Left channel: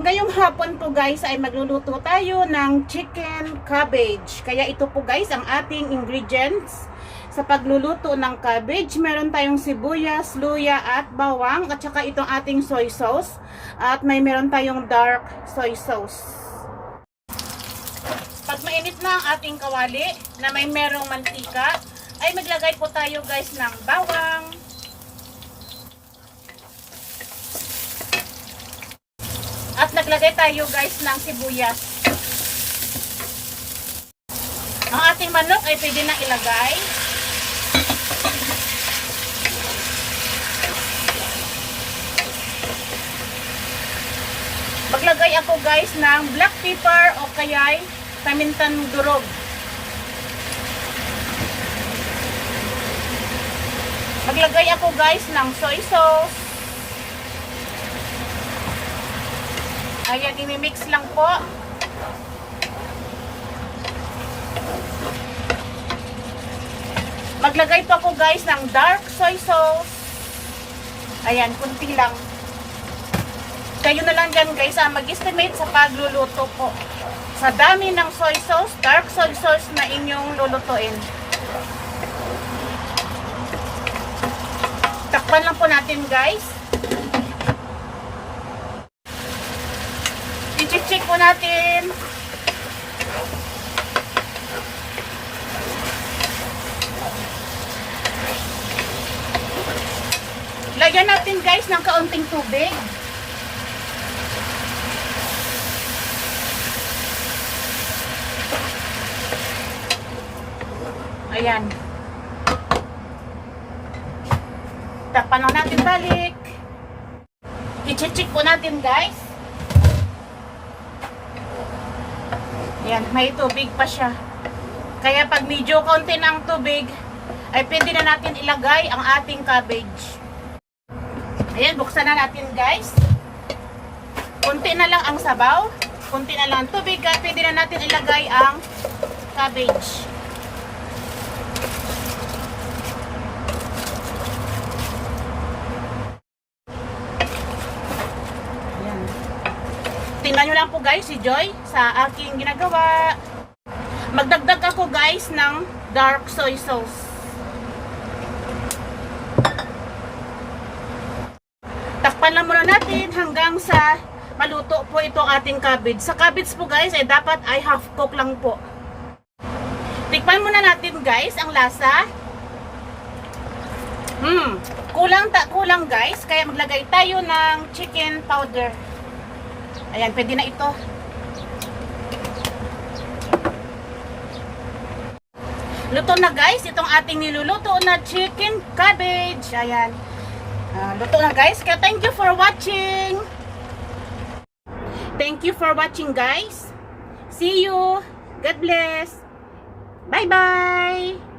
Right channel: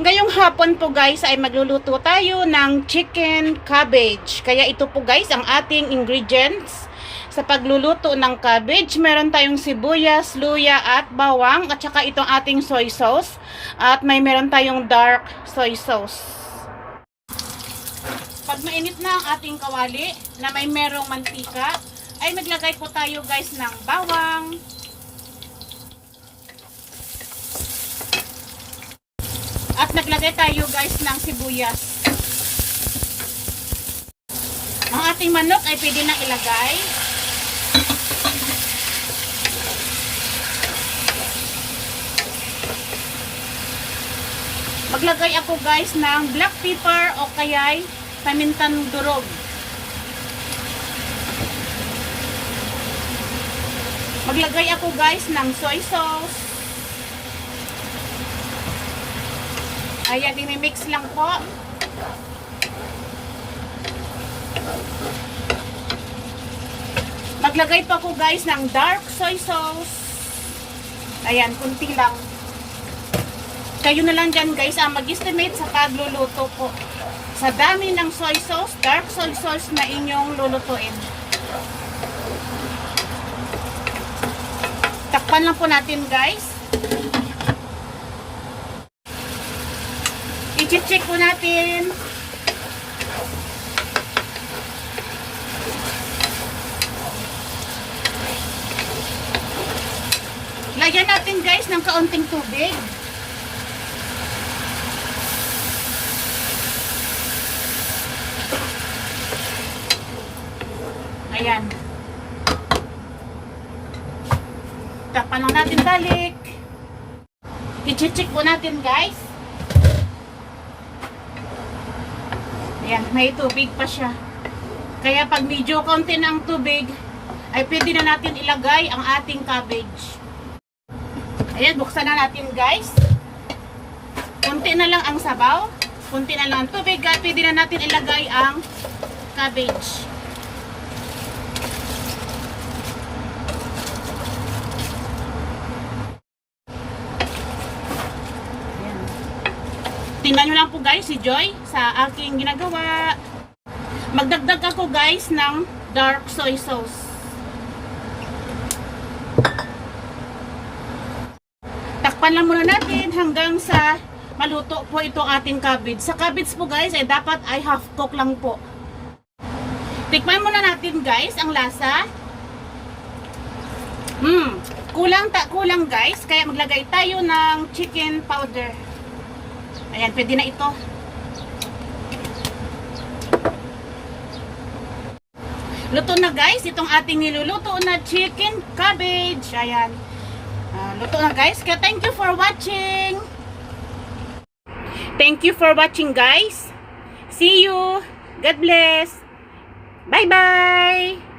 Ngayong hapon po guys ay magluluto tayo ng chicken cabbage. Kaya ito po guys ang ating ingredients sa pagluluto ng cabbage. Meron tayong sibuyas, luya at bawang at saka itong ating soy sauce. At meron tayong dark soy sauce. Pag mainit na ang ating kawali na merong mantika, ay maglagay po tayo guys ng bawang. At naglagay tayo guys ng sibuyas. Ang ating manok ay pwede na ilagay. Maglagay ako guys ng black pepper o kaya'y pamintang durog. Maglagay ako guys ng soy sauce. Ayan, imimix lang po. Maglagay po ako guys ng dark soy sauce. Ayan, kunti lang. Kayo na lang dyan guys mag-estimate sa pagluluto po. Sa dami ng soy sauce, dark soy sauce na inyong lulutuin. Takpan lang po natin guys. I-check po natin. Lagyan natin guys ng kaunting tubig. Ayan. Takpan lang natin balik. I-check po natin guys. Ayan, may tubig pa siya. Kaya pag medyo konti ng tubig, ay pwede na natin ilagay ang ating cabbage. Ayan, buksan na natin guys. Konti na lang ang sabaw. Konti na lang ang tubig. At pwede na natin ilagay ang cabbage. Tingnan nyo lang po guys si Joy sa aking ginagawa. Magdagdag ako guys ng dark soy sauce. Takpan lang muna natin hanggang sa maluto po itong ating cabbage. Sa cabbage po guys ay dapat ay half cook lang po. Tikman muna natin guys ang lasa. Kulang guys. Kaya maglagay tayo ng chicken powder. Ayan, pwede na ito. Luto na guys, itong ating niluluto na chicken cabbage. Ayan. Luto na guys. Kaya thank you for watching. Thank you for watching guys. See you. God bless. Bye bye.